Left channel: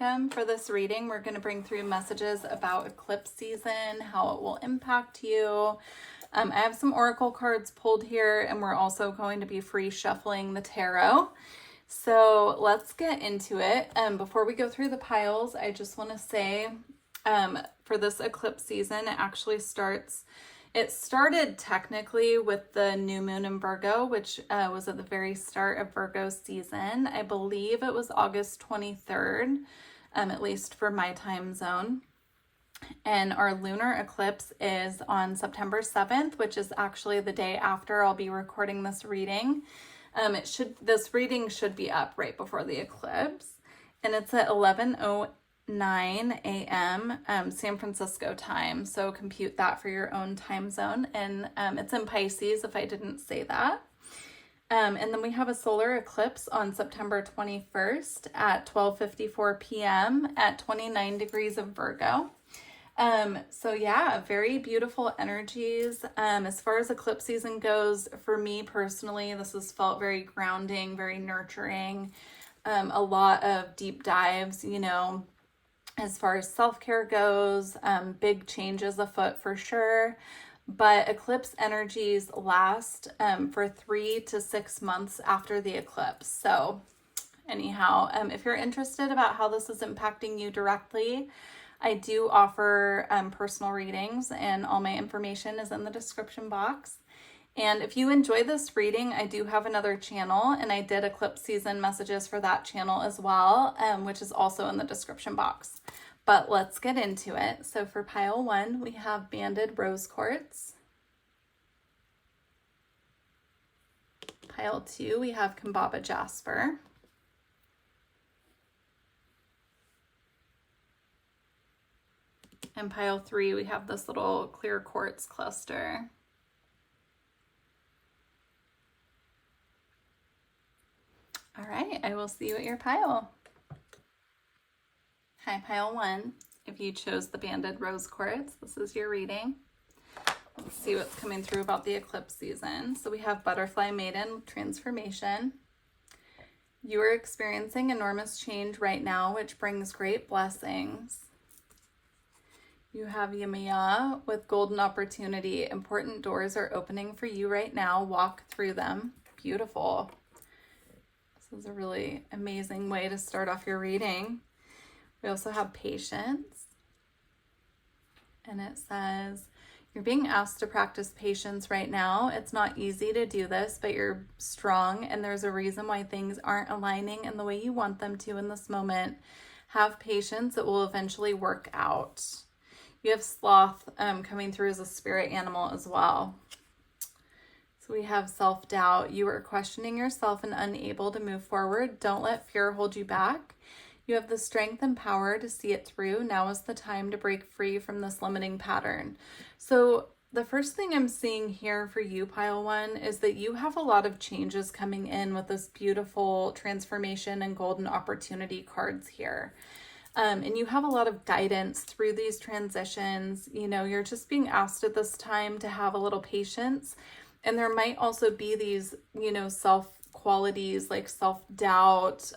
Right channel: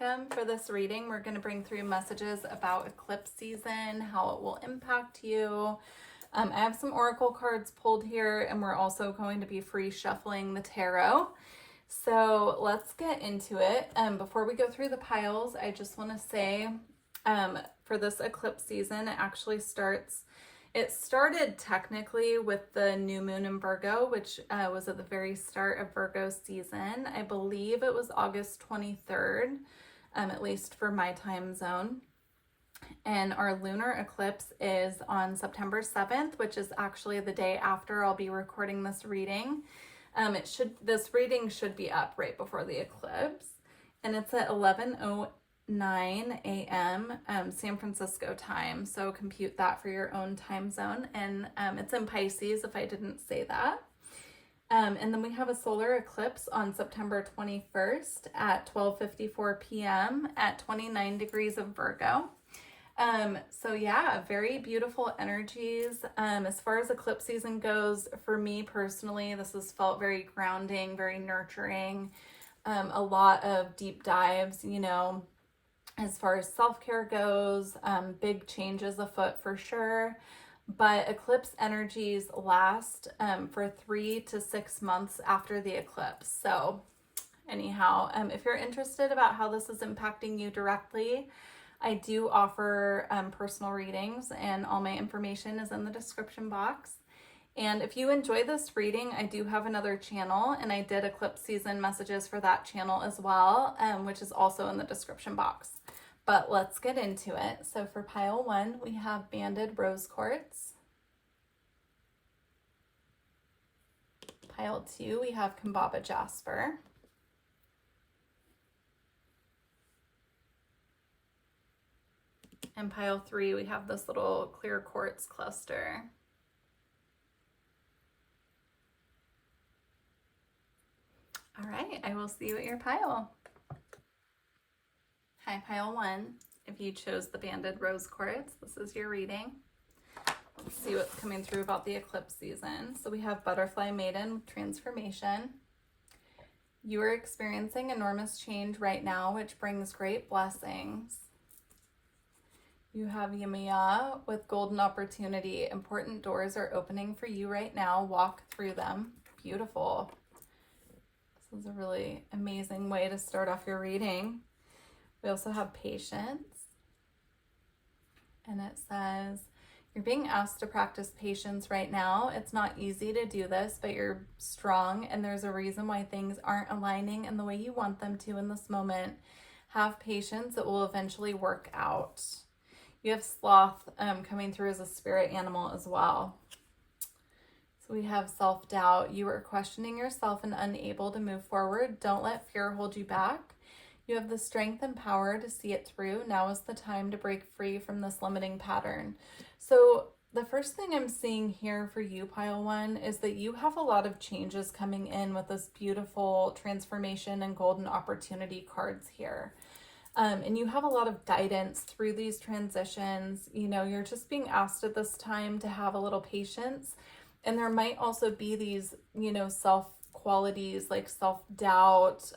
welcome. For this reading, we're going to bring through messages about eclipse season, how it will impact you. I have some oracle cards pulled here, and we're also going to be free shuffling the tarot. So let's get into it. Before we go through the piles, I just want to say for this eclipse season, it started technically with the new moon in Virgo, which was at the very start of Virgo season. I believe it was August 23rd, at least for my time zone. And our lunar eclipse is on September 7th, which is actually the day after I'll be recording this reading. This reading should be up right before the eclipse, and it's at 11:09 a.m. San Francisco time. So compute that for your own time zone, and it's in Pisces if I didn't say that. And then we have a solar eclipse on September 21st at 12:54 p.m. at 29 degrees of Virgo. So yeah, very beautiful energies. As far as eclipse season goes, for me personally, this has felt very grounding, very nurturing, a lot of deep dives, as far as self-care goes, big changes afoot for sure. But eclipse energies last for 3 to 6 months after the eclipse. So anyhow, if you're interested about how this is impacting you directly, I do offer personal readings, and all my information is in the description box. And if you enjoy this reading, I do have another channel, and I did eclipse season messages for that channel as well, which is also in the description box. But let's get into it. So for pile 1, we have banded rose quartz. Pile 2, we have Kambaba jasper. And pile 3, we have this little clear quartz cluster. All right, I will see you at your pile. Hi, pile 1. If you chose the banded rose quartz, this is your reading. Let's see what's coming through about the eclipse season. So we have Butterfly Maiden transformation. You are experiencing enormous change right now, which brings great blessings. You have Yemaya with golden opportunity. Important doors are opening for you right now. Walk through them. Beautiful. This is a really amazing way to start off your reading. We also have patience. And it says, you're being asked to practice patience right now. It's not easy to do this, but you're strong, and there's a reason why things aren't aligning in the way you want them to in this moment. Have patience. It will eventually work out. You have sloth coming through as a spirit animal as well. So we have self-doubt. You are questioning yourself and unable to move forward. Don't let fear hold you back. You have the strength and power to see it through. Now is the time to break free from this limiting pattern. So the first thing I'm seeing here for you, pile 1, is that you have a lot of changes coming in with this beautiful transformation and golden opportunity cards here. And you have a lot of guidance through these transitions. You're just being asked at this time to have a little patience. And there might also be these, self qualities like self-doubt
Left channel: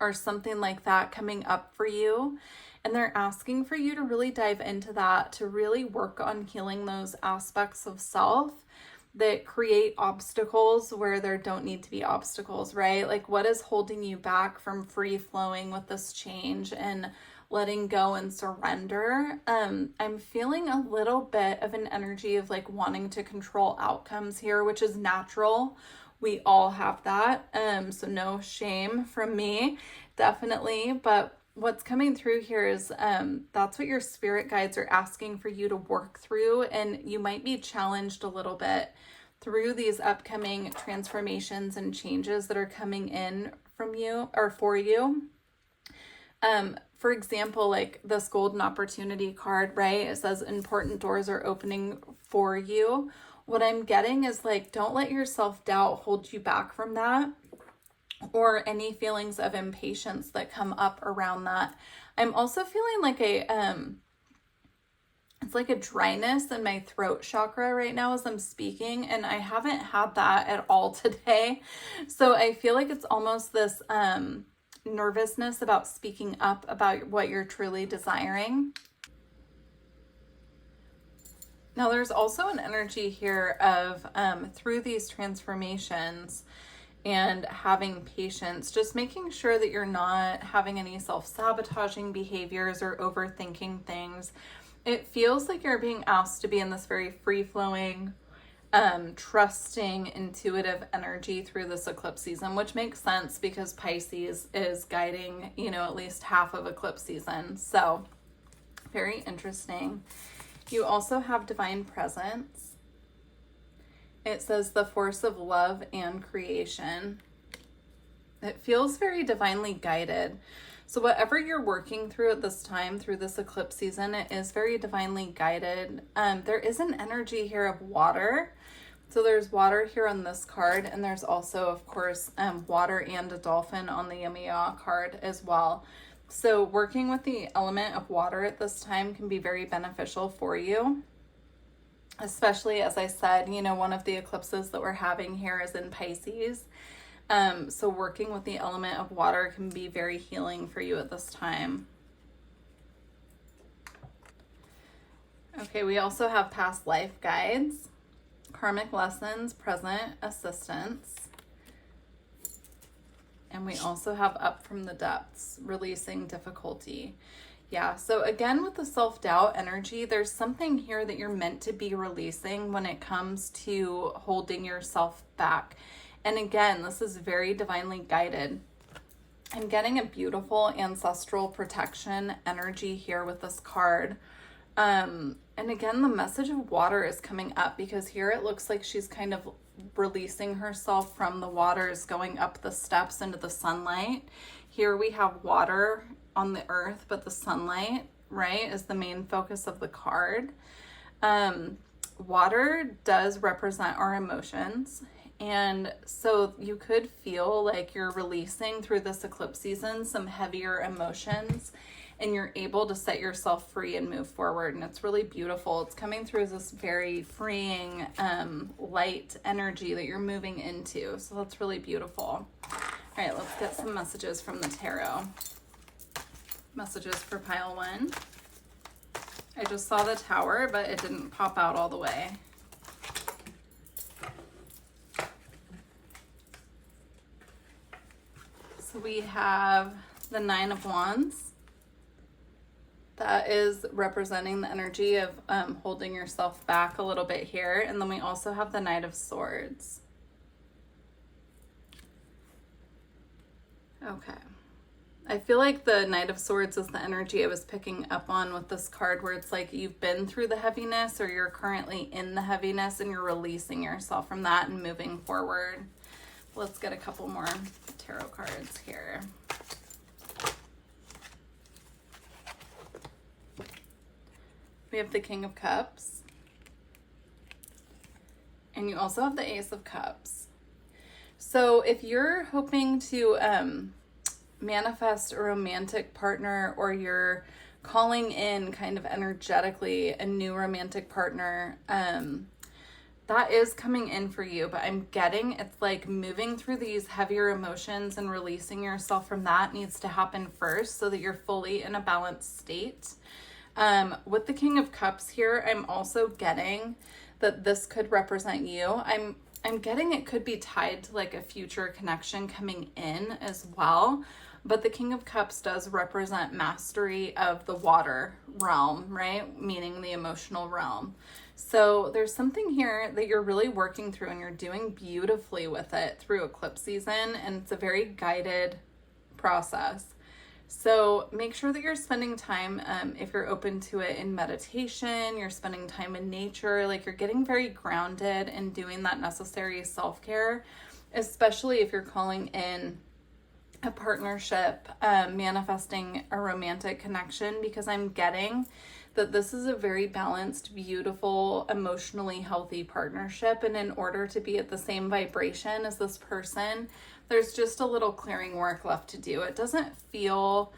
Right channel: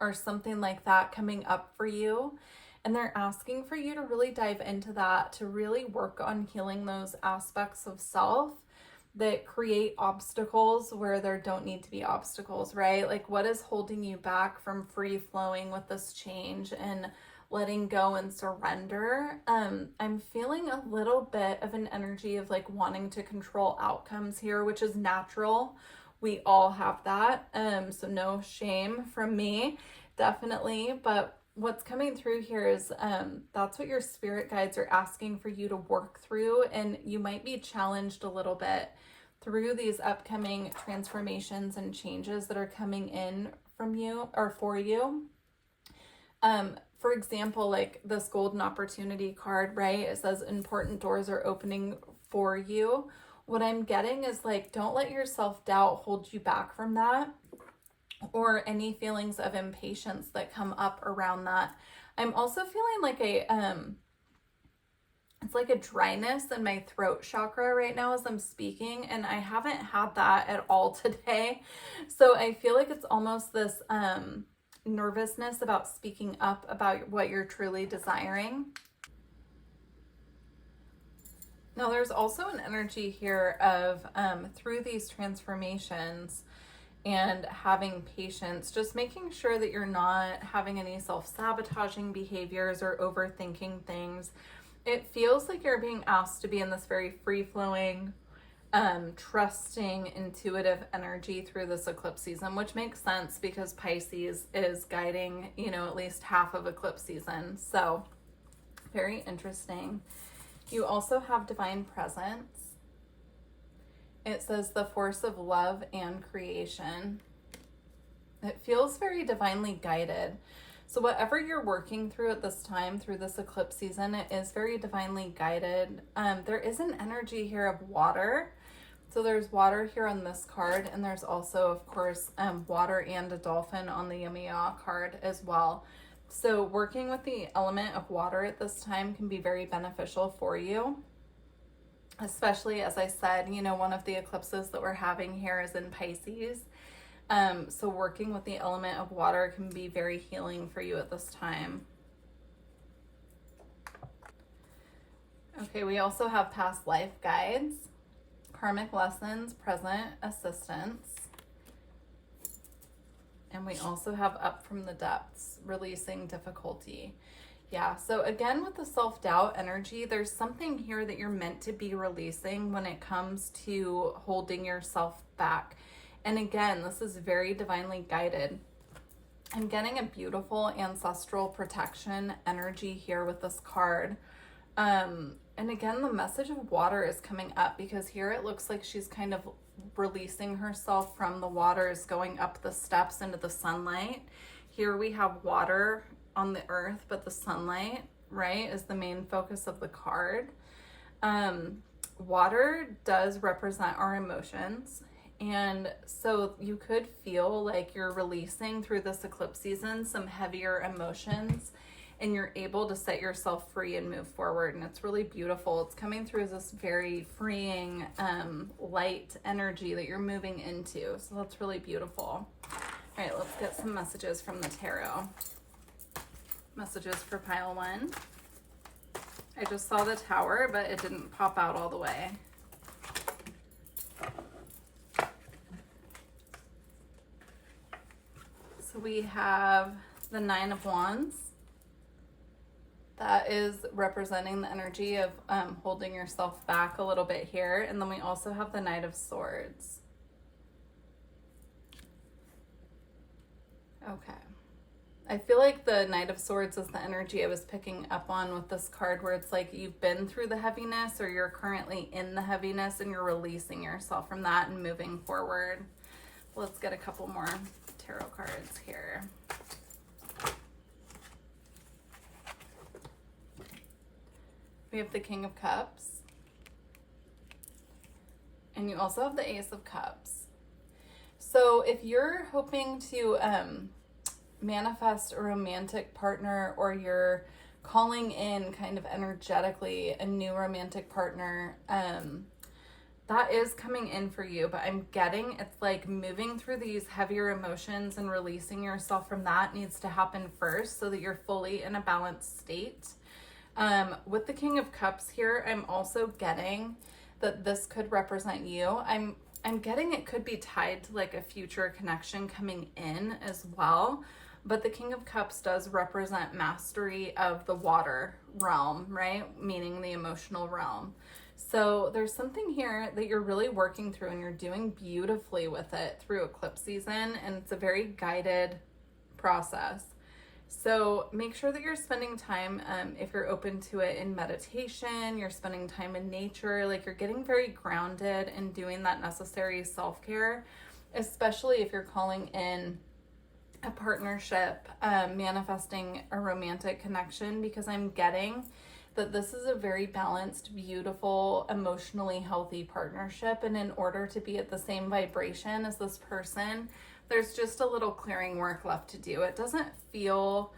or something like that coming up for you. And they're asking for you to really dive into that, to really work on healing those aspects of self that create obstacles where there don't need to be obstacles, right? Like, what is holding you back from free flowing with this change and letting go and surrender? I'm feeling a little bit of an energy of like wanting to control outcomes here, which is natural. We all have that. So no shame from me, definitely. But what's coming through here is that's what your spirit guides are asking for you to work through, and you might be challenged a little bit through these upcoming transformations and changes that are coming in from you or for you. For example, like this golden opportunity card, right? It says important doors are opening for you. What I'm getting is like, don't let your self-doubt hold you back from that, or any feelings of impatience that come up around that. I'm also feeling like it's like a dryness in my throat chakra right now as I'm speaking, and I haven't had that at all today. So I feel like it's almost this nervousness about speaking up about what you're truly desiring. Now, there's also an energy here of through these transformations and having patience, just making sure that you're not having any self-sabotaging behaviors or overthinking things. It feels like you're being asked to be in this very free-flowing, trusting, intuitive energy through this eclipse season, which makes sense because Pisces is guiding, at least half of eclipse season. So very interesting. You also have divine presence. It says the force of love and creation. It feels very divinely guided. So whatever you're working through at this time, through this eclipse season, it is very divinely guided. There is an energy here of water. So there's water here on this card, and there's also, of course, water and a dolphin on the Yamiya card as well. So working with the element of water at this time can be very beneficial for you. Especially, as I said, one of the eclipses that we're having here is in Pisces. So working with the element of water can be very healing for you at this time. Okay, we also have past life guides, karmic lessons, present assistance. And we also have up from the depths, releasing difficulty. Yeah, so again, with the self-doubt energy, there's something here that you're meant to be releasing when it comes to holding yourself back. And again, this is very divinely guided. I'm getting a beautiful ancestral protection energy here with this card. And again, the message of water is coming up because here it looks like she's kind of releasing herself from the waters, going up the steps into the sunlight. Here we have water on the earth, but the sunlight, right, is the main focus of the card. Water does represent our emotions. And so you could feel like you're releasing through this eclipse season some heavier emotions, and you're able to set yourself free and move forward. And it's really beautiful. It's coming through as this very freeing, light energy that you're moving into. So that's really beautiful. All right, let's get some messages from the tarot. Messages for pile 1. I just saw the Tower, but it didn't pop out all the way. So we have the 9 of Wands. That is representing the energy of holding yourself back a little bit here. And then we also have the Knight of Swords. Okay. I feel like the Knight of Swords is the energy I was picking up on with this card, where it's like you've been through the heaviness, or you're currently in the heaviness and you're releasing yourself from that and moving forward. Let's get a couple more tarot cards here. We have the King of Cups. And you also have the Ace of Cups. So if you're hoping to manifest a romantic partner, or you're calling in kind of energetically a new romantic partner, that is coming in for you. But I'm getting it's like moving through these heavier emotions and releasing yourself from that needs to happen first, so that you're fully in a balanced state. With the King of Cups here, I'm also getting that this could represent you. I'm getting it could be tied to like a future connection coming in as well. But the King of Cups does represent mastery of the water realm, right? Meaning the emotional realm. So there's something here that you're really working through, and you're doing beautifully with it through eclipse season. And it's a very guided process. So make sure that you're spending time, if you're open to it, in meditation, you're spending time in nature, like you're getting very grounded and doing that necessary self-care, especially if you're calling in a partnership, manifesting a romantic connection, because I'm getting that this is a very balanced, beautiful, emotionally healthy partnership. And in order to be at the same vibration as this person, there's just a little clearing work left to do. It doesn't feel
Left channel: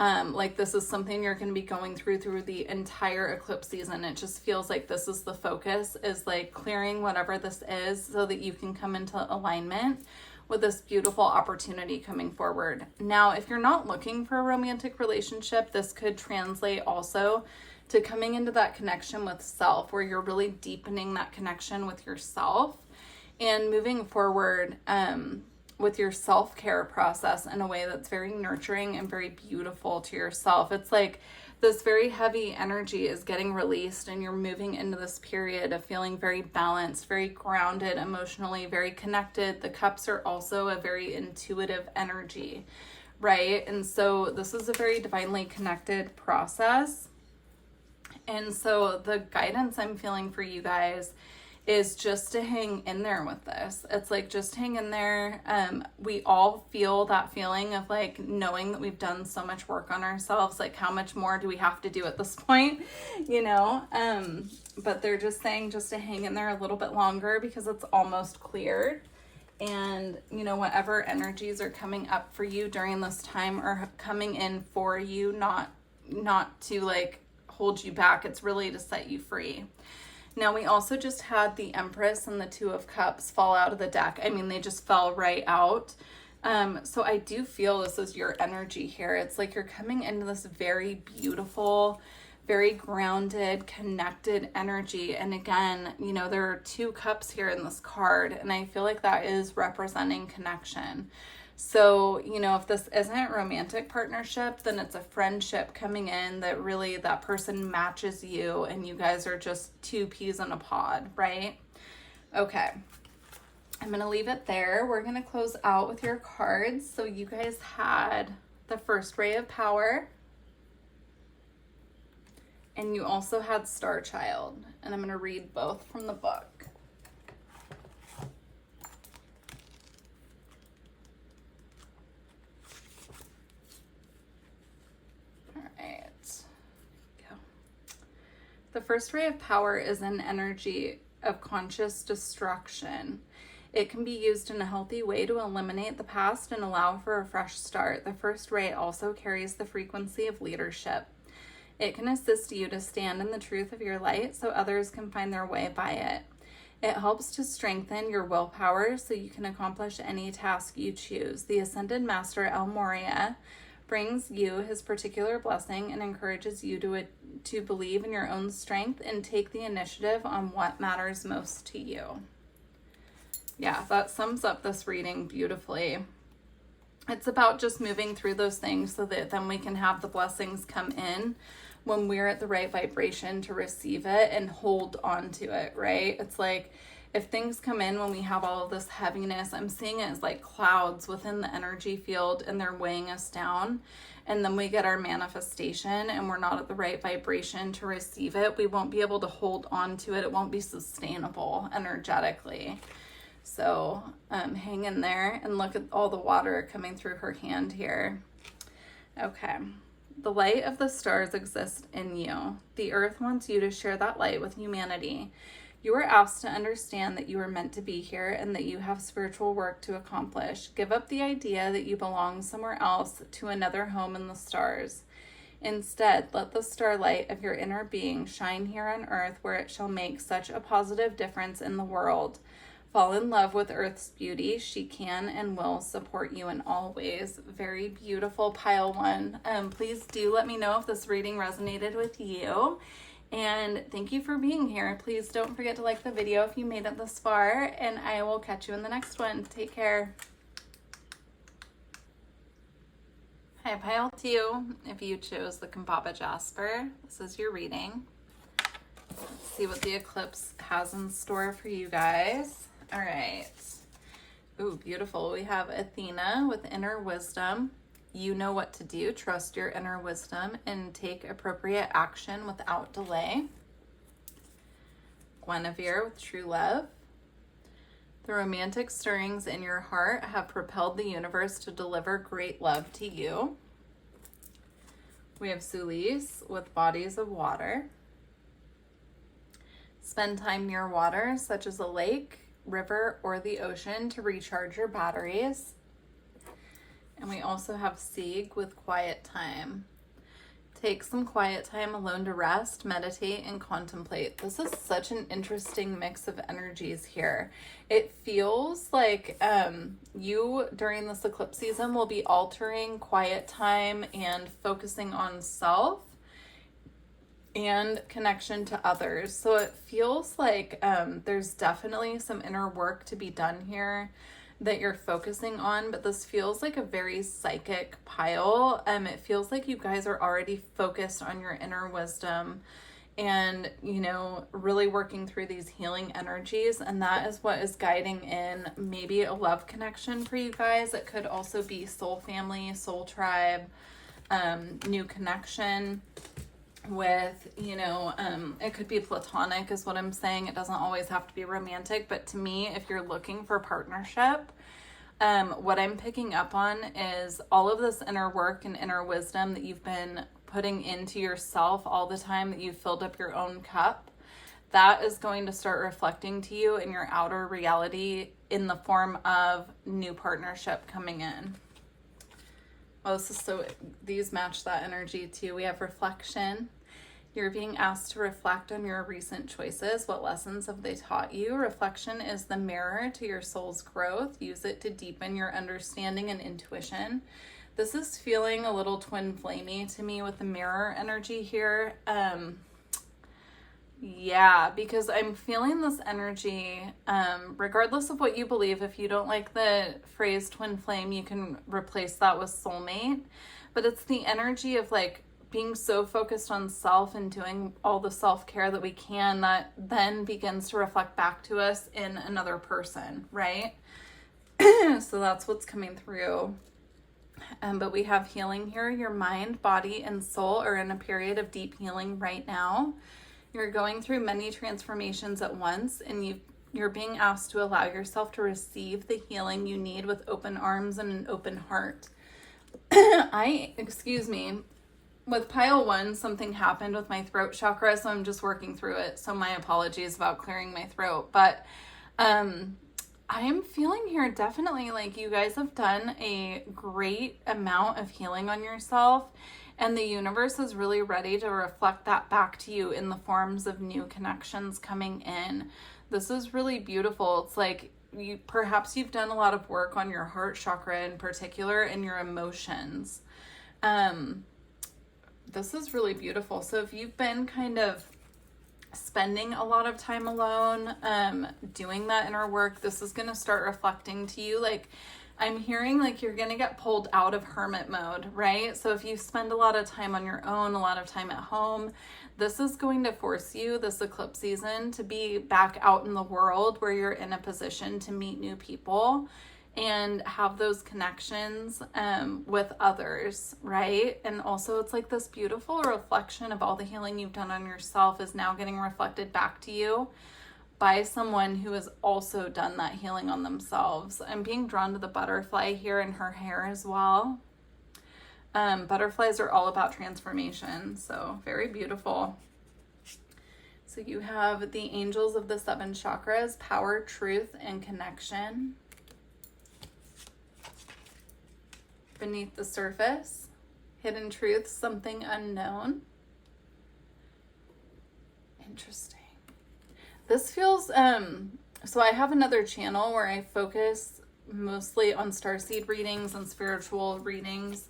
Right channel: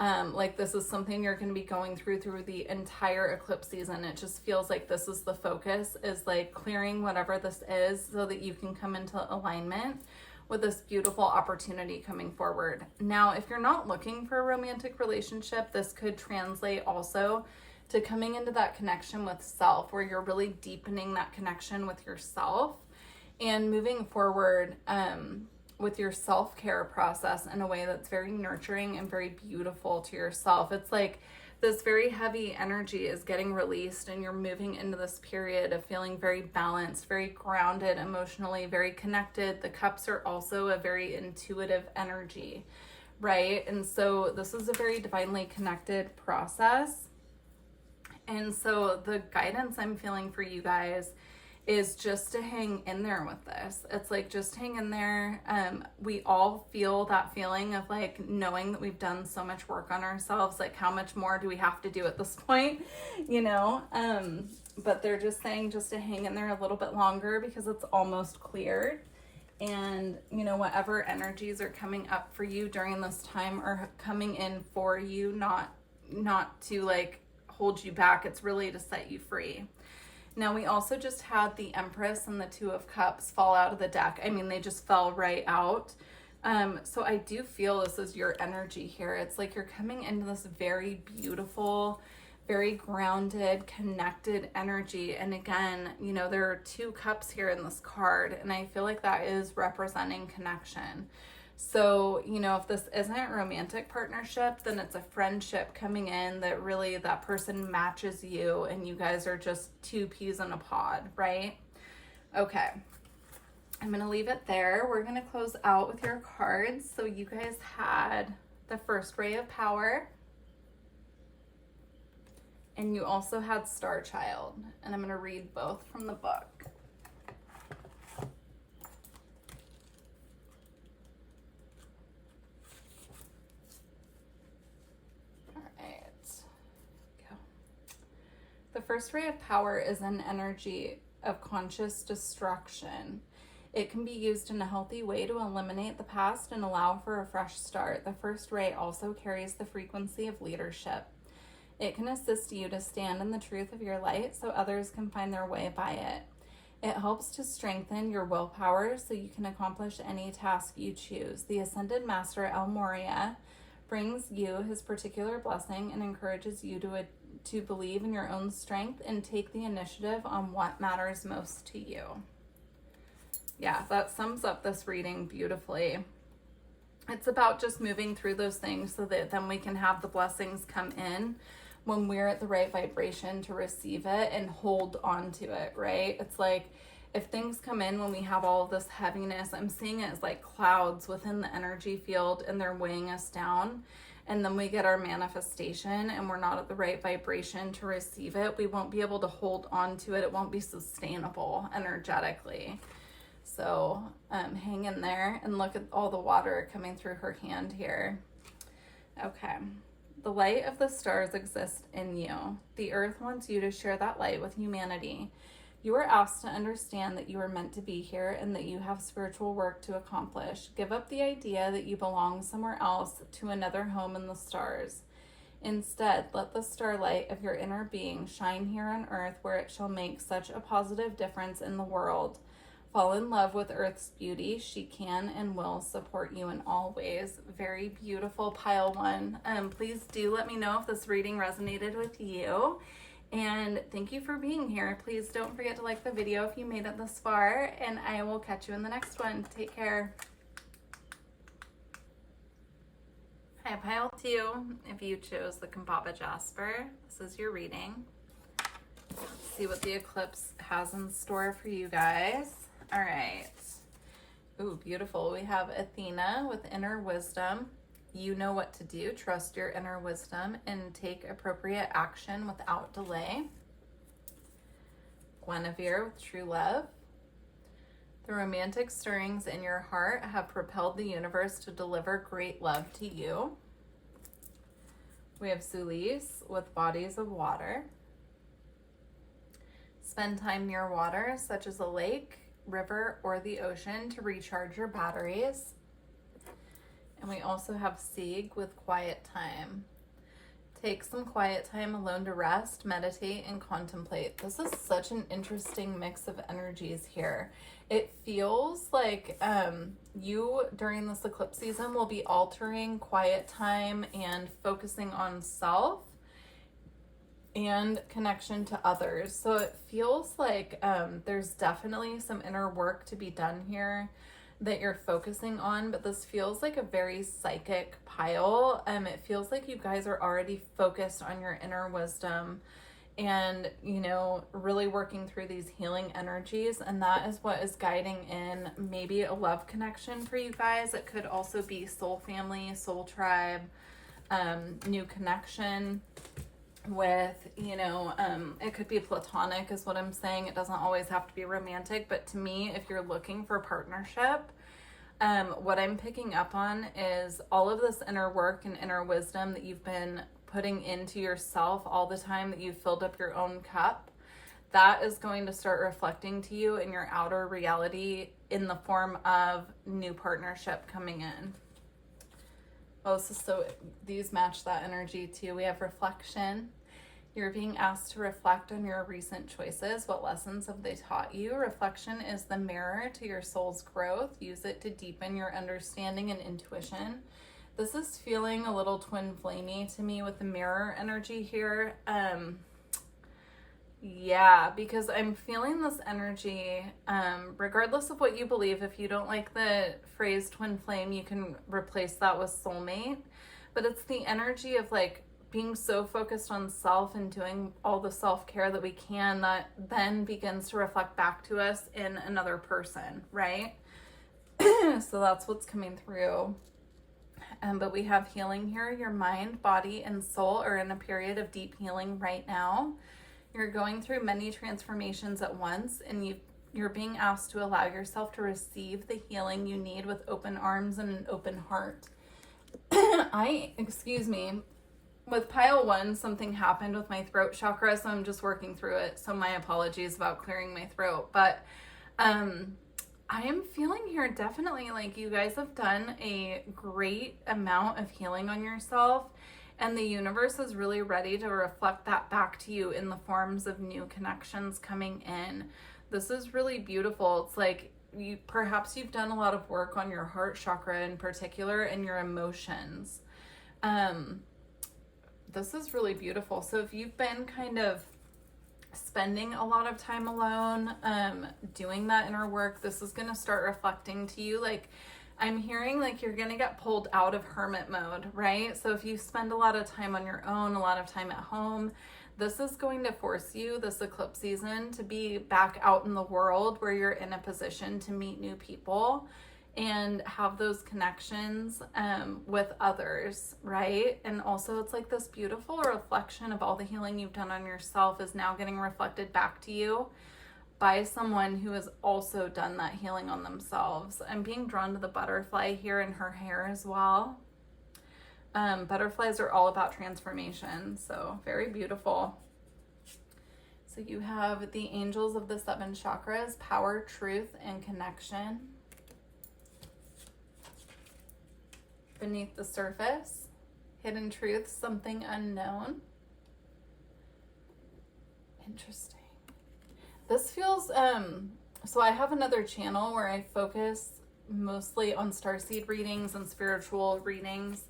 like this is something you're going to be going through the entire eclipse season. It just feels like this is the focus, is like clearing whatever this is so that you can come into alignment with this beautiful opportunity coming forward. Now, if you're not looking for a romantic relationship, this could translate also to coming into that connection with self, where you're really deepening that connection with yourself and moving forward with your self-care process in a way that's very nurturing and very beautiful to yourself. It's like this very heavy energy is getting released, and you're moving into this period of feeling very balanced, very grounded emotionally, very connected. The cups are also a very intuitive energy, right? And so this is a very divinely connected process. And so the guidance I'm feeling for you guys is just to hang in there with this. It's like, just hang in there. We all feel that feeling of like knowing that we've done so much work on ourselves. Like, how much more do we have to do at this point, you know? But they're just saying just to hang in there a little bit longer, because it's almost cleared. And, you know, whatever energies are coming up for you during this time are coming in for you, not to like hold you back. It's really to set you free. Now, we also just had the Empress and the Two of Cups fall out of the deck. I mean, they just fell right out. So I do feel this is your energy here. It's like you're coming into this very beautiful, very grounded, connected energy. And again, you know, there are 2 cups here in this card, and I feel like that is representing connection. So, you know, if this isn't a romantic partnership, then it's a friendship coming in that really that person matches you and you guys are just 2 peas in a pod, right? Okay. I'm going to leave it there. We're going to close out with your cards. So you guys had the first ray of power, and you also had Star Child. And I'm going to read both from the book. The first ray of power is an energy of conscious destruction. It can be used in a healthy way to eliminate the past and allow for a fresh start. The first ray also carries the frequency of leadership. It can assist you to stand in the truth of your light so others can find their way by it. It helps to strengthen your willpower so you can accomplish any task you choose. The Ascended Master El Moria brings you his particular blessing and encourages you to believe in your own strength and take the initiative on what matters most to you. Yeah, that sums up this reading beautifully. It's about just moving through those things so that then we can have the blessings come in when we're at the right vibration to receive it and hold on to it, right? It's like if things come in when we have all of this heaviness, I'm seeing it as like clouds within the energy field and they're weighing us down. And then we get our manifestation and we're not at the right vibration to receive it. We won't be able to hold on to it. It won't be sustainable energetically. So hang in there and look at all the water coming through her hand here. Okay. The light of the stars exists in you. The earth wants you to share that light with humanity. You are asked to understand that you are meant to be here and that you have spiritual work to accomplish. Give up the idea that you belong somewhere else to another home in the stars. Instead, let the starlight of your inner being shine here on earth where it shall make such a positive difference in the world. Fall in love with Earth's beauty. She can and will support you in all ways. Very beautiful, pile one. Please do let me know if this reading resonated with you. And thank you for being here. Please don't forget to like the video if you made it this far, and I will catch you in the next one. Take care. Hi, pile 2. If you chose the Kambaba Jasper, this is your reading. Let's see what the eclipse has in store for you guys. All right. Ooh, beautiful. We have Athena with inner wisdom. You know what to do. Trust your inner wisdom and take appropriate action without delay. Guinevere with true love. The romantic stirrings in your heart have propelled the universe to deliver great love to you. We have Solis with bodies of water. Spend time near water, such as a lake, river, or the ocean to recharge your batteries. And we also have Sieg with quiet time. Take some quiet time alone to rest, meditate, and contemplate. This is such an interesting mix of energies here. It feels like you, during this eclipse season, will be altering quiet time and focusing on self and connection to others. So it feels like there's definitely some inner work to be done here that you're focusing on, but this feels like a very psychic pile. It feels like you guys are already focused on your inner wisdom and, you know, really working through these healing energies. And that is what is guiding in maybe a love connection for you guys. It could also be soul family, soul tribe, new connection with, you know, it could be platonic is what I'm saying. It doesn't always have to be romantic, but to me, if you're looking for partnership, what I'm picking up on is all of this inner work and inner wisdom that you've been putting into yourself all the time that you've filled up your own cup. That is going to start reflecting to you in your outer reality in the form of new partnership coming in. Oh, these match that energy too. We have reflection. You're being asked to reflect on your recent choices. What lessons have they taught you? Reflection is the mirror to your soul's growth. Use it to deepen your understanding and intuition. This is feeling a little twin flamey to me with the mirror energy here. Yeah, because I'm feeling this energy, regardless of what you believe. If you don't like the phrase twin flame, you can replace that with soulmate. But it's the energy of like being so focused on self and doing all the self-care that we can that then begins to reflect back to us in another person, right? So that's what's coming through. But we have healing here. Your mind, body, and soul are in a period of deep healing right now. You're going through many transformations at once, and you're being asked to allow yourself to receive the healing you need with open arms and an open heart. With pile 1, something happened with my throat chakra, so I'm just working through it. So my apologies about clearing my throat. But I am feeling here definitely like you guys have done a great amount of healing on yourself. And the universe is really ready to reflect that back to you in the forms of new connections coming in. This is really beautiful. It's like perhaps you've done a lot of work on your heart chakra in particular and your emotions. This is really beautiful. So if you've been kind of spending a lot of time alone, doing that inner work, this is going to start reflecting to you. Like, I'm hearing like you're going to get pulled out of hermit mode, right? So if you spend a lot of time on your own, a lot of time at home, this is going to force you, this eclipse season, to be back out in the world where you're in a position to meet new people and have those connections with others, right? And also it's like this beautiful reflection of all the healing you've done on yourself is now getting reflected back to you by someone who has also done that healing on themselves. I'm being drawn to the butterfly here in her hair as well. Butterflies are all about transformation, so very beautiful. So you have the angels of the 7 chakras, power, truth, and connection. Beneath the surface, hidden truths, something unknown. Interesting. This feels, so I have another channel where I focus mostly on starseed readings and spiritual readings.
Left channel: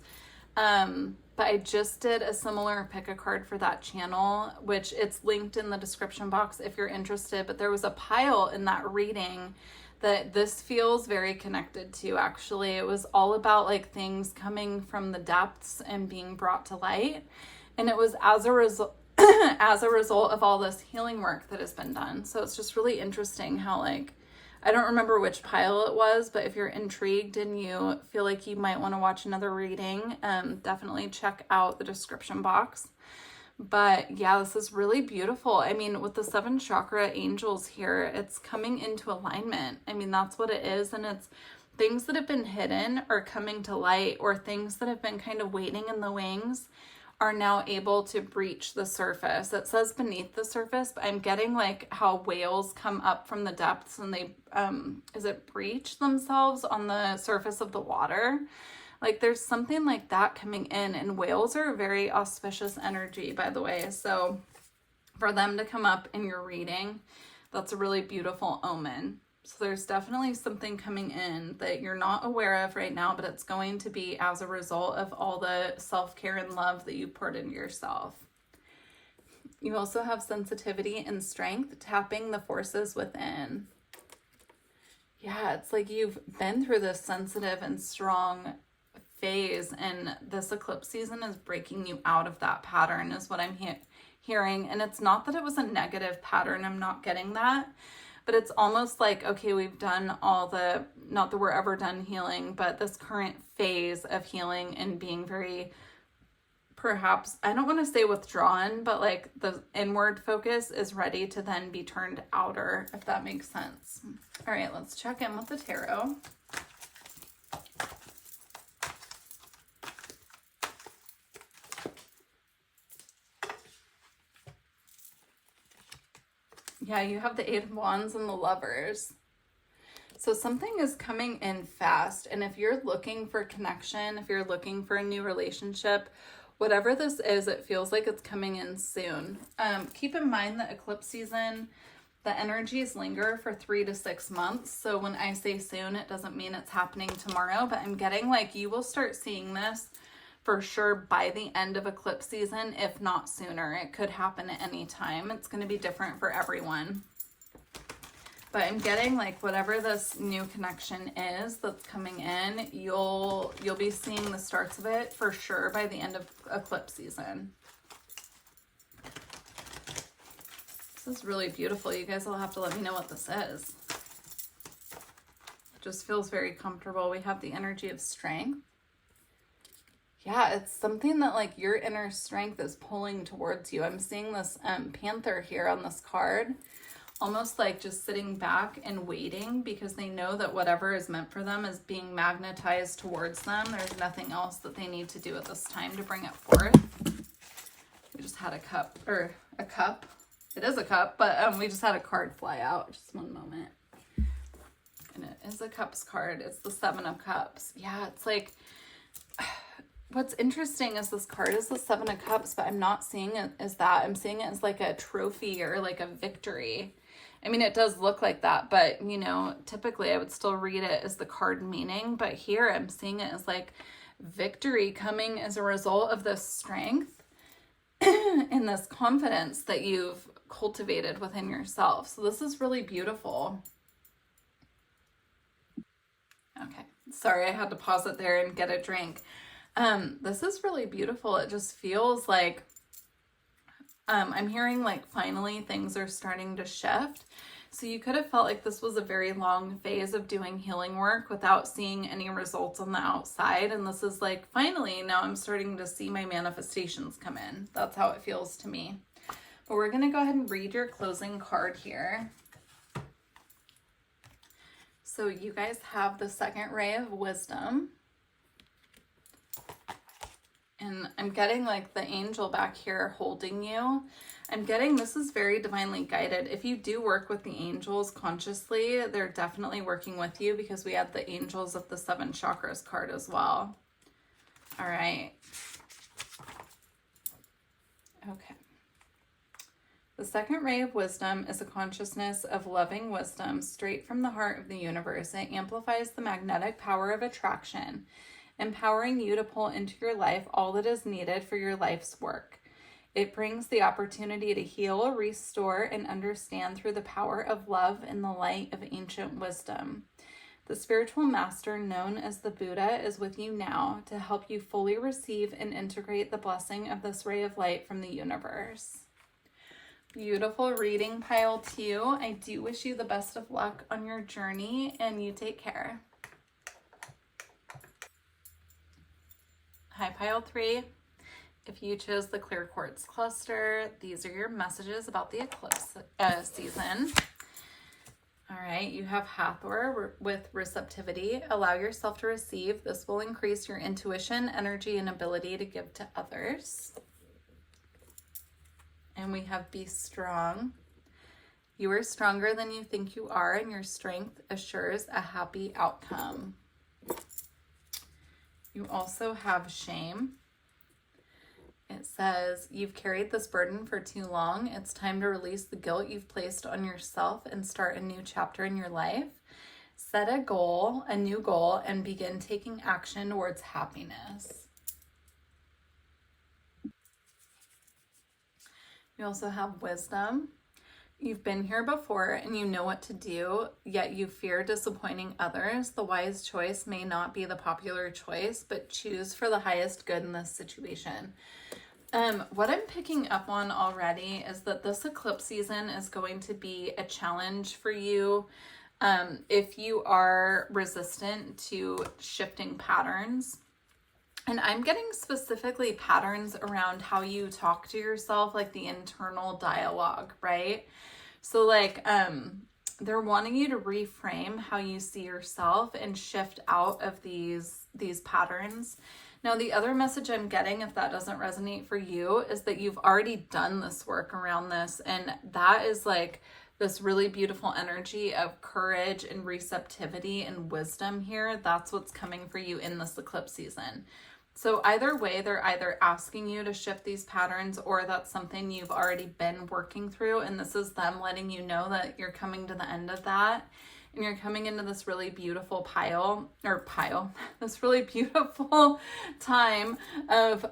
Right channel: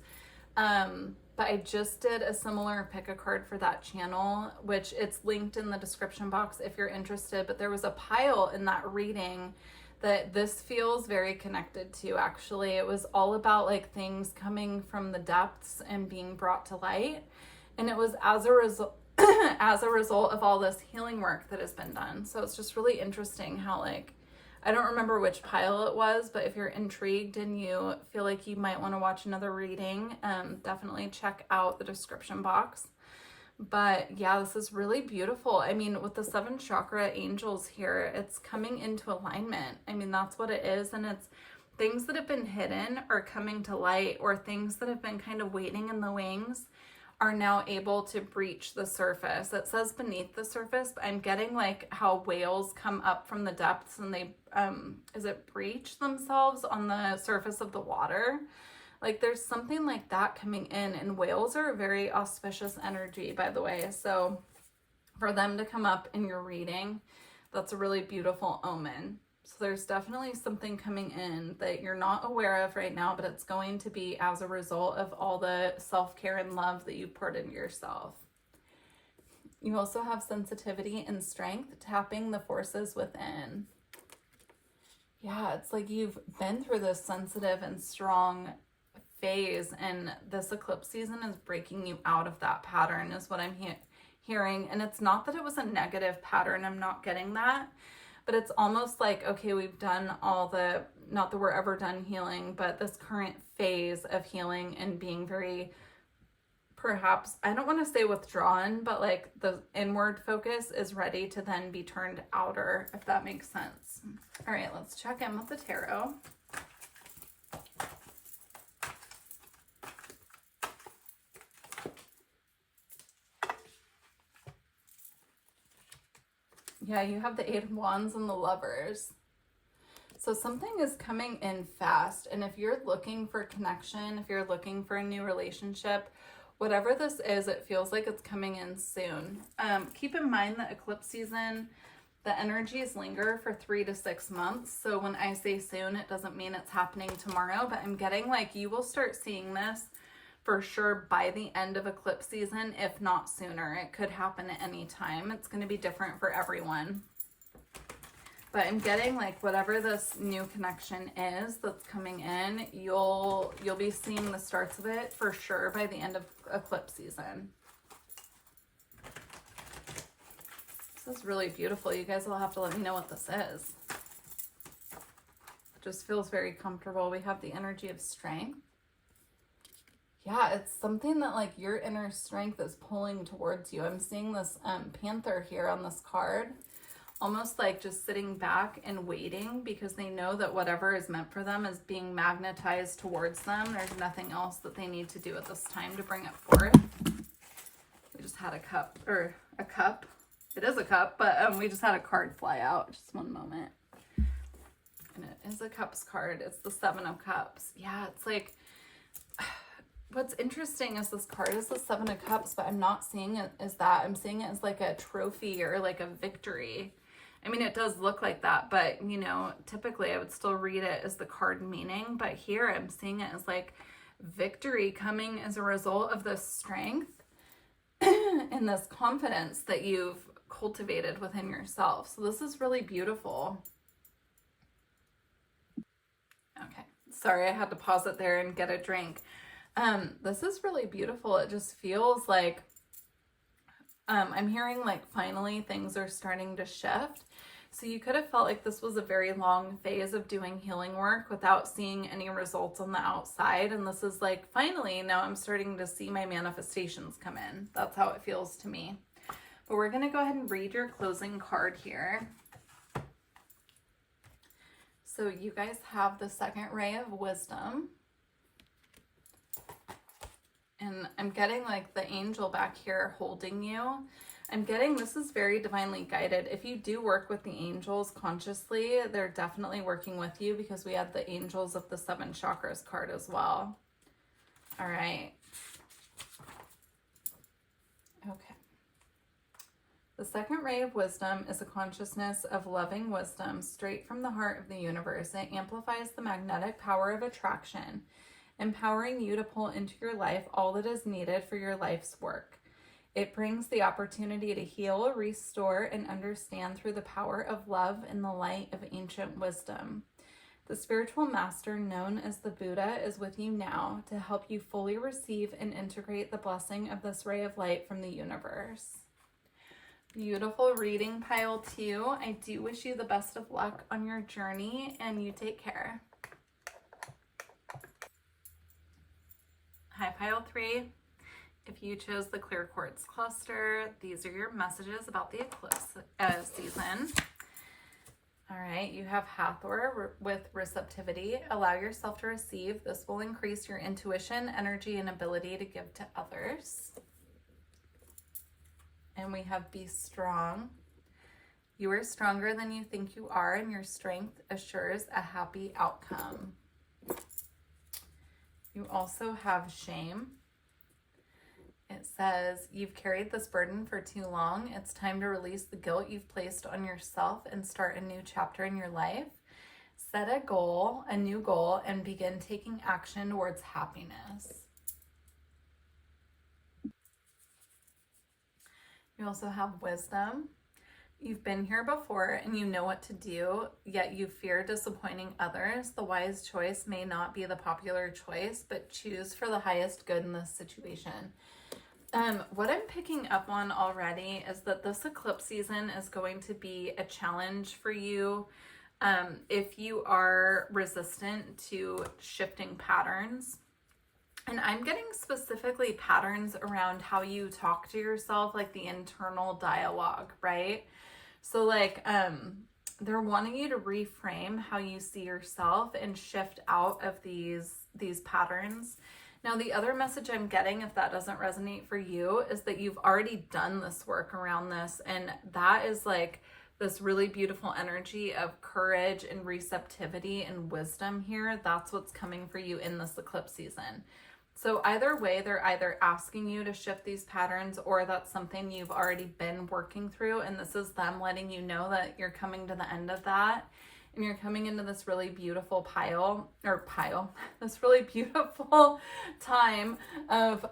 But I just did a similar pick a card for that channel, which it's linked in the description box if you're interested. But there was a pile in that reading that this feels very connected to, actually. It was all about like things coming from the depths and being brought to light. And it was as a result of all this healing work that has been done. So it's just really interesting how, like, I don't remember which pile it was, but if you're intrigued and you feel like you might want to watch another reading, definitely check out the description box. But yeah, this is really beautiful. I mean, with the 7 chakra angels here, it's coming into alignment. I mean, that's what it is. And it's things that have been hidden are coming to light, or things that have been kind of waiting in the wings are now able to breach the surface. It says beneath the surface, but I'm getting like how whales come up from the depths and they, breach themselves on the surface of the water? Like there's something like that coming in, and whales are a very auspicious energy, by the way. So for them to come up in your reading, that's a really beautiful omen. So there's definitely something coming in that you're not aware of right now, but it's going to be as a result of all the self-care and love that you poured into yourself. You also have sensitivity and strength, tapping the forces within. Yeah, it's like you've been through this sensitive and strong phase, and this eclipse season is breaking you out of that pattern, is what I'm hearing. And it's not that it was a negative pattern, I'm not getting that. But it's almost like, okay, we've done all the, not that we're ever done healing, but this current phase of healing and being very, perhaps, I don't want to say withdrawn, but like the inward focus is ready to then be turned outer, if that makes sense. All right, let's check in with the tarot. Yeah, you have the Eight of Wands and the Lovers. So something is coming in fast. And if you're looking for connection, if you're looking for a new relationship, whatever this is, it feels like it's coming in soon. Keep in mind that eclipse season, the energies linger for 3 to 6 months. So when I say soon, it doesn't mean it's happening tomorrow, but I'm getting like you will start seeing this for sure by the end of eclipse season, if not sooner. It could happen at any time. It's going to be different for everyone. But I'm getting like whatever this new connection is that's coming in, you'll be seeing the starts of it for sure by the end of eclipse season. This is really beautiful. You guys will have to let me know what this is. It just feels very comfortable. We have the energy of strength. Yeah, it's something that like your inner strength is pulling towards you. I'm seeing this panther here on this card, almost like just sitting back and waiting because they know that whatever is meant for them is being magnetized towards them. There's nothing else that they need to do at this time to bring it forth. We just had a cup, or a cup. It is a cup, but we just had a card fly out. Just one moment. And it is a cups card. It's the Seven of Cups. Yeah, it's like... What's interesting is this card is the Seven of Cups, but I'm not seeing it as that. I'm seeing it as like a trophy or like a victory. I mean, it does look like that, but you know, typically I would still read it as the card meaning, but here I'm seeing it as like victory coming as a result of this strength and this confidence that you've cultivated within yourself. So this is really beautiful. Okay, sorry, I had to pause it there and get a drink. This is really beautiful. It just feels like, I'm hearing like finally things are starting to shift. So you could have felt like this was a very long phase of doing healing work without seeing any results on the outside. And this is like, finally, now I'm starting to see my manifestations come in. That's how it feels to me. But we're going to go ahead and read your closing card here. So you guys have the second ray of wisdom. And I'm getting like the angel back here holding you. I'm getting this is very divinely guided. If you do work with the angels consciously, they're definitely working with you because we had the angels of the 7 chakras card as well. All right. Okay. The second ray of wisdom is a consciousness of loving wisdom straight from the heart of the universe. It amplifies the magnetic power of attraction, empowering you to pull into your life all that is needed for your life's work. It brings the opportunity to heal, restore, and understand through the power of love and the light of ancient wisdom. The spiritual master known as the Buddha is with you now to help you fully receive and integrate the blessing of this ray of light from the universe. Beautiful reading, pile 2. I do wish you the best of luck on your journey, and you take care. Hi, pile 3. If you chose the clear quartz cluster, these are your messages about the eclipse season. All right, you have Hathor with receptivity. Allow yourself to receive. This will increase your intuition, energy, and ability to give to others. And we have be strong. You are stronger than you think you are, and your strength assures a happy outcome. You also have shame. It says, you've carried this burden for too long. It's time to release the guilt you've placed on yourself and start a new chapter in your life. Set a goal, a new goal, and begin taking action towards happiness. You also have wisdom. You've been here before and you know what to do, yet you fear disappointing others. The wise choice may not be the popular choice, but choose for the highest good in this situation. What I'm picking up on already is that this eclipse season is going to be a challenge for you. If you are resistant to shifting patterns. And I'm getting specifically patterns around how you talk to yourself, like the internal dialogue, right? So like, they're wanting you to reframe how you see yourself and shift out of these patterns. Now, the other message I'm getting, if that doesn't resonate for you, is that you've already done this work around this. And that is like this really beautiful energy of courage and receptivity and wisdom here. That's what's coming for you in this eclipse season. So either way, they're either asking you to shift these patterns, or that's something you've already been working through. And this is them letting you know that you're coming to the end of that. And you're coming into this really beautiful this really beautiful time of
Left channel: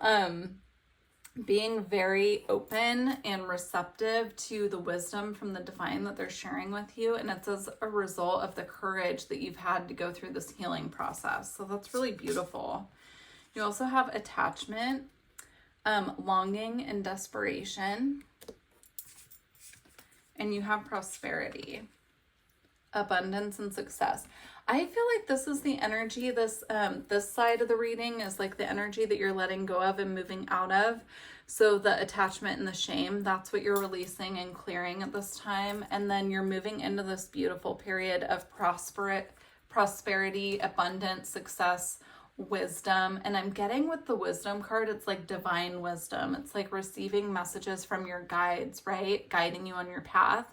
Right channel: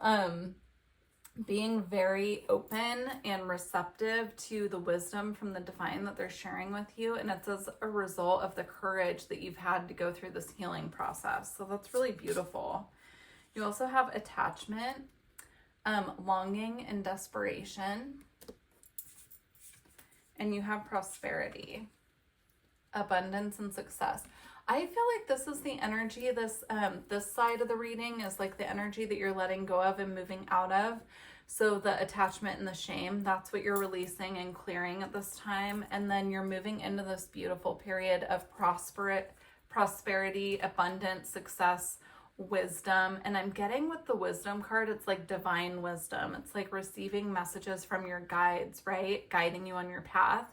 being very open and receptive to the wisdom from the divine that they're sharing with you. And it's as a result of the courage that you've had to go through this healing process. So that's really beautiful. You also have attachment, longing, and desperation. And you have prosperity, abundance, and success. I feel like this is the energy, this side of the reading is like the energy that you're letting go of and moving out of. So the attachment and the shame, that's what you're releasing and clearing at this time. And then you're moving into this beautiful period of prosperity, abundance, success, wisdom. And I'm getting with the wisdom card, it's like divine wisdom. It's like receiving messages from your guides, right? Guiding you on your path.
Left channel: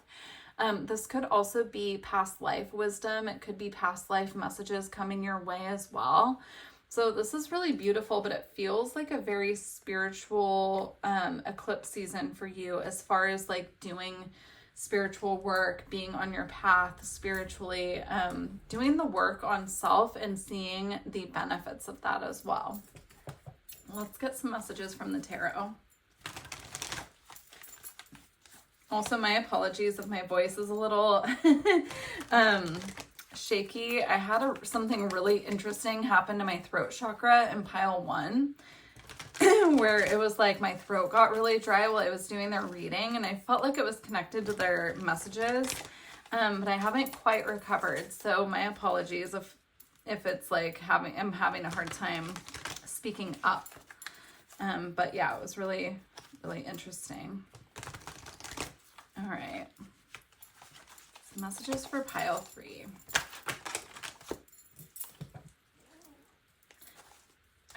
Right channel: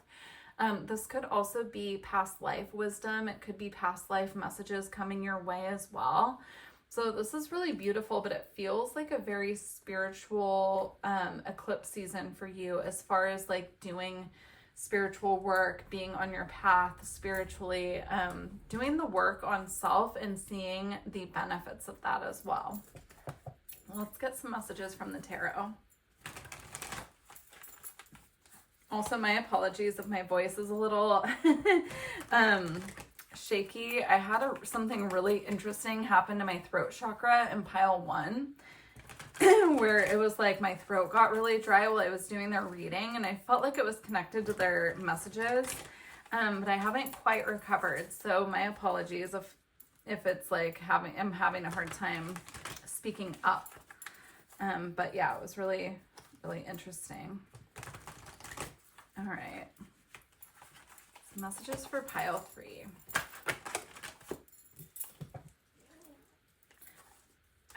This could also be past life wisdom. It could be past life messages coming your way as well. So this is really beautiful, but it feels like a very spiritual eclipse season for you, as far as like doing spiritual work, being on your path spiritually, doing the work on self and seeing the benefits of that as well. Let's get some messages from the tarot. Also, my apologies if my voice is a little shaky. I had something really interesting happen to my throat chakra in pile 1. Where it was like my throat got really dry while I was doing their reading, and I felt like it was connected to their messages, but I haven't quite recovered. So my apologies if it's like I'm having a hard time speaking up. But yeah, it was really, really interesting. All right. Some messages for pile 3.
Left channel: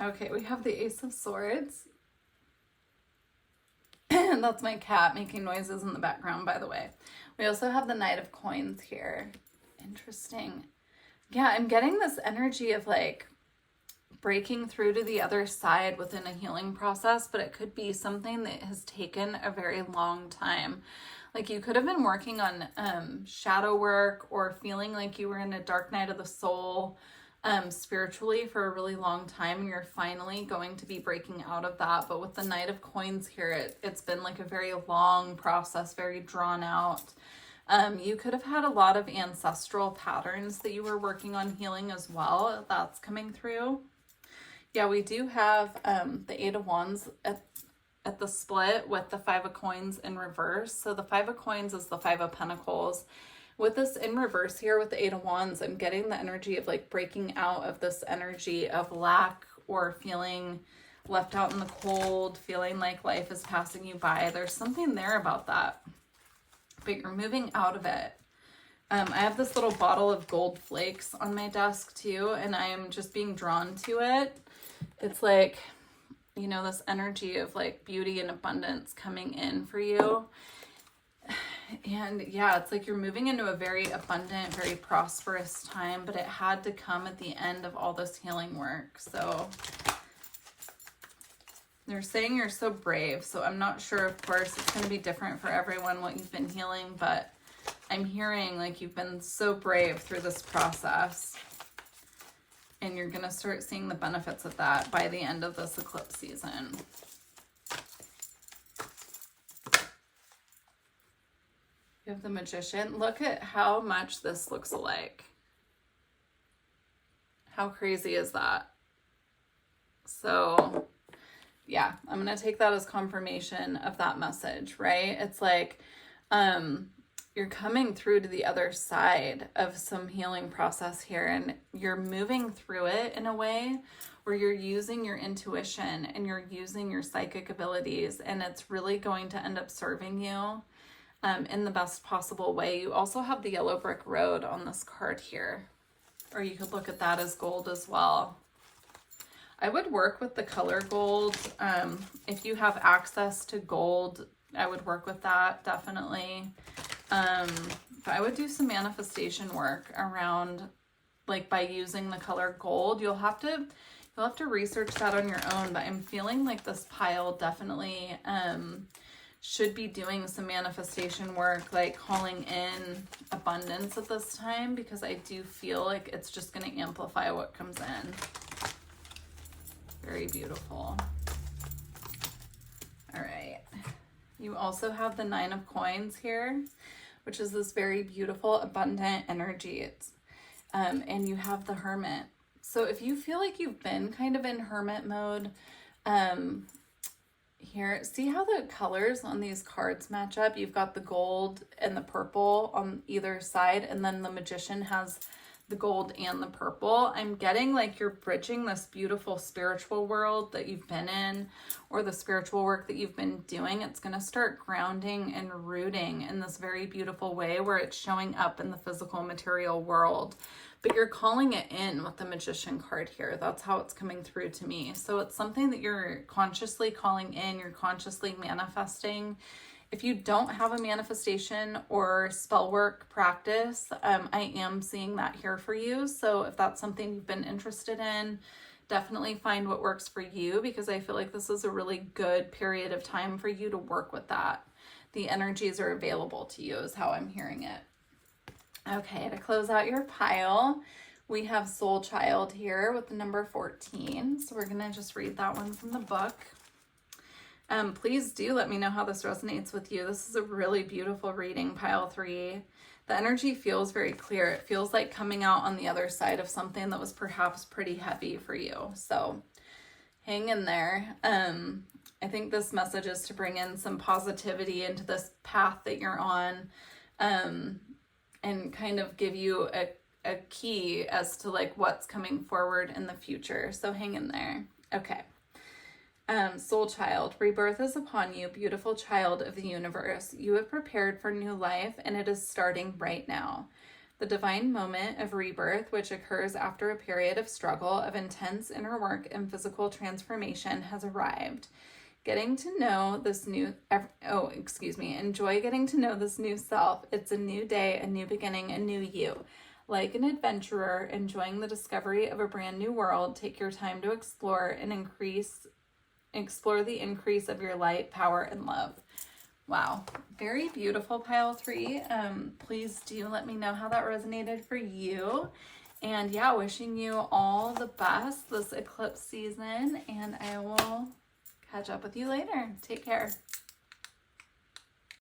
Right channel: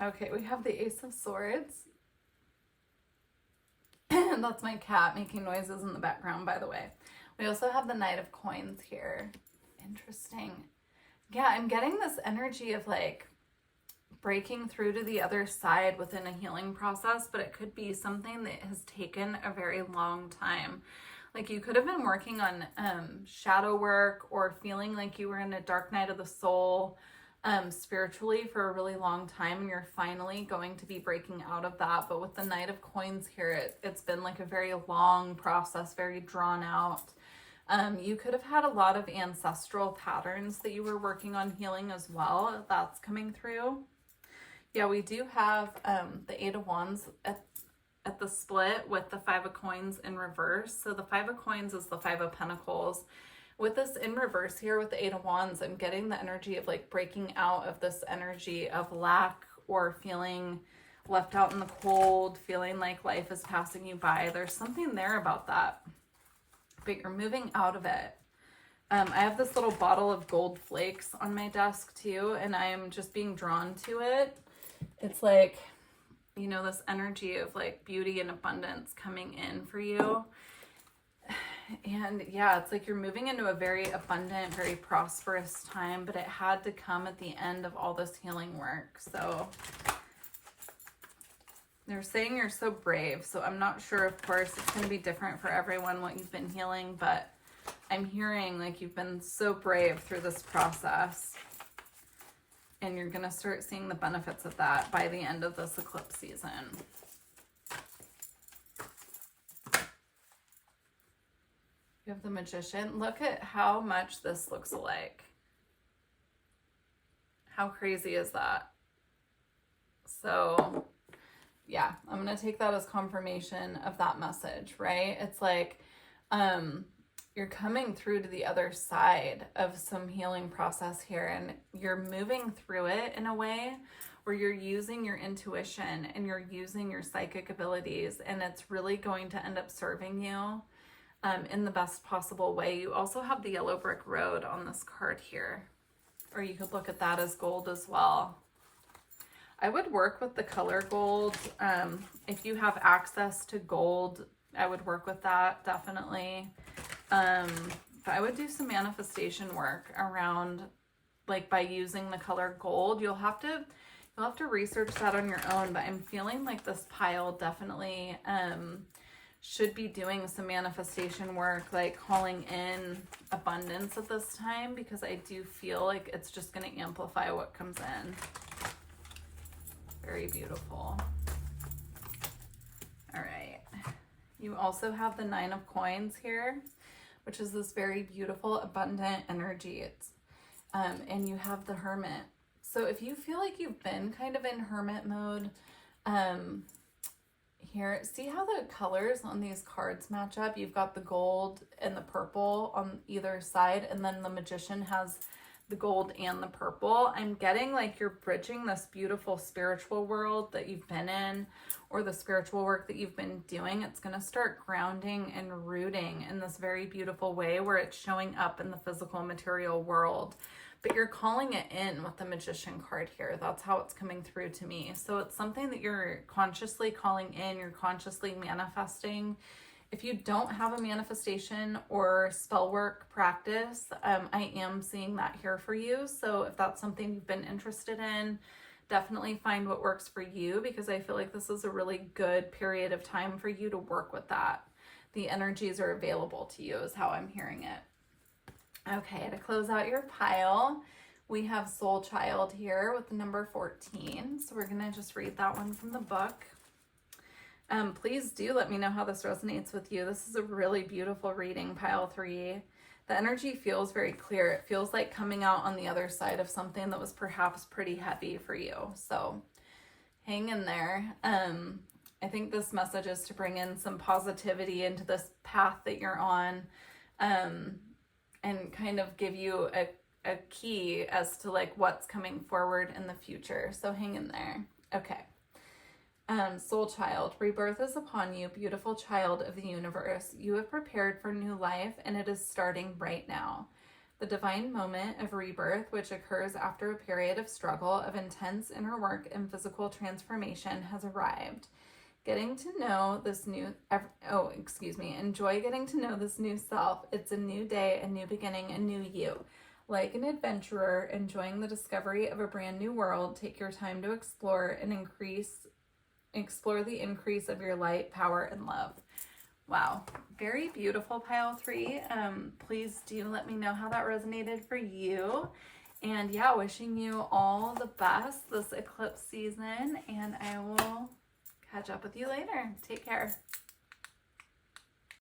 Okay, we have the Ace of Swords. And that's my cat making noises in the background, by the way. We also have the Knight of Coins here. Interesting. Yeah, I'm getting this energy of like breaking through to the other side within a healing process, but it could be something that has taken a very long time. Like you could have been working on shadow work, or feeling like you were in a dark night of the soul, spiritually for a really long time, and you're finally going to be breaking out of that. But with the Knight of Coins here, it's been like a very long process, very drawn out. You could have had a lot of ancestral patterns that you were working on healing as well. That's coming through. Yeah, we do have the Eight of Wands at the split with the Five of Coins in reverse. So the Five of Coins is the Five of Pentacles. With this in reverse here with the Eight of Wands, I'm getting the energy of like breaking out of this energy of lack, or feeling left out in the cold, feeling like life is passing you by. There's something there about that, but you're moving out of it. I have this little bottle of gold flakes on my desk too, and I'm just being drawn to it. It's like, you know, this energy of like beauty and abundance coming in for you. And yeah, it's like you're moving into a very abundant, very prosperous time, but it had to come at the end of all this healing work. So they're saying you're so brave. So I'm not sure, of course, it's going to be different for everyone what you've been healing, but I'm hearing like you've been so brave through this process. And you're going to start seeing the benefits of that by the end of this eclipse season. You have the Magician. Look at how much this looks alike. How crazy is that? So, yeah, I'm going to take that as confirmation of that message, right? It's like you're coming through to the other side of some healing process here, and you're moving through it in a way where you're using your intuition and you're using your psychic abilities, and it's really going to end up serving you in the best possible way. You also have the yellow brick road on this card here, or you could look at that as gold as well. I would work with the color gold. If you have access to gold, I would work with that, definitely. But I would do some manifestation work around, like, by using the color gold. You'll have to research that on your own, but I'm feeling like this pile definitely should be doing some manifestation work, like calling in abundance at this time, because I do feel like it's just going to amplify what comes in. Very beautiful. All right. You also have the 9 of Coins here, which is this very beautiful, abundant energy. It's, and you have the Hermit. So if you feel like you've been kind of in hermit mode, here, see how the colors on these cards match up? You've got the gold and the purple on either side, and then the Magician has the gold and the purple. I'm getting like you're bridging this beautiful spiritual world that you've been in, or the spiritual work that you've been doing. It's going to start grounding and rooting in this very beautiful way where it's showing up in the physical material world. But you're calling it in with the Magician card here. That's how it's coming through to me. So it's something that you're consciously calling in, you're consciously manifesting. If you don't have a manifestation or spell work practice, I am seeing that here for you. So if that's something you've been interested in, definitely find what works for you, because I feel like this is a really good period of time for you to work with that. The energies are available to you is how I'm hearing it. Okay, to close out your pile, we have Soul Child here with the number 14. So we're going to just read that one from the book. Please do let me know how this resonates with you. This is a really beautiful reading, pile 3. The energy feels very clear. It feels like coming out on the other side of something that was perhaps pretty heavy for you. So hang in there. I think this message is to bring in some positivity into this path that you're on, and kind of give you a key as to like what's coming forward in the future. So hang in there. Okay. Soul Child, rebirth is upon you, beautiful child of the universe. You have prepared for new life, and it is starting right now. The divine moment of rebirth, which occurs after a period of struggle, of intense inner work and physical transformation, has arrived. Enjoy getting to know this new self. It's a new day, a new beginning, a new you. Like an adventurer enjoying the discovery of a brand new world, take your time to explore the increase of your light, power, and love. Wow, very beautiful, pile 3. Please do let me know how that resonated for you. And yeah, wishing you all the best this eclipse season, and I will catch up with you later. Take care.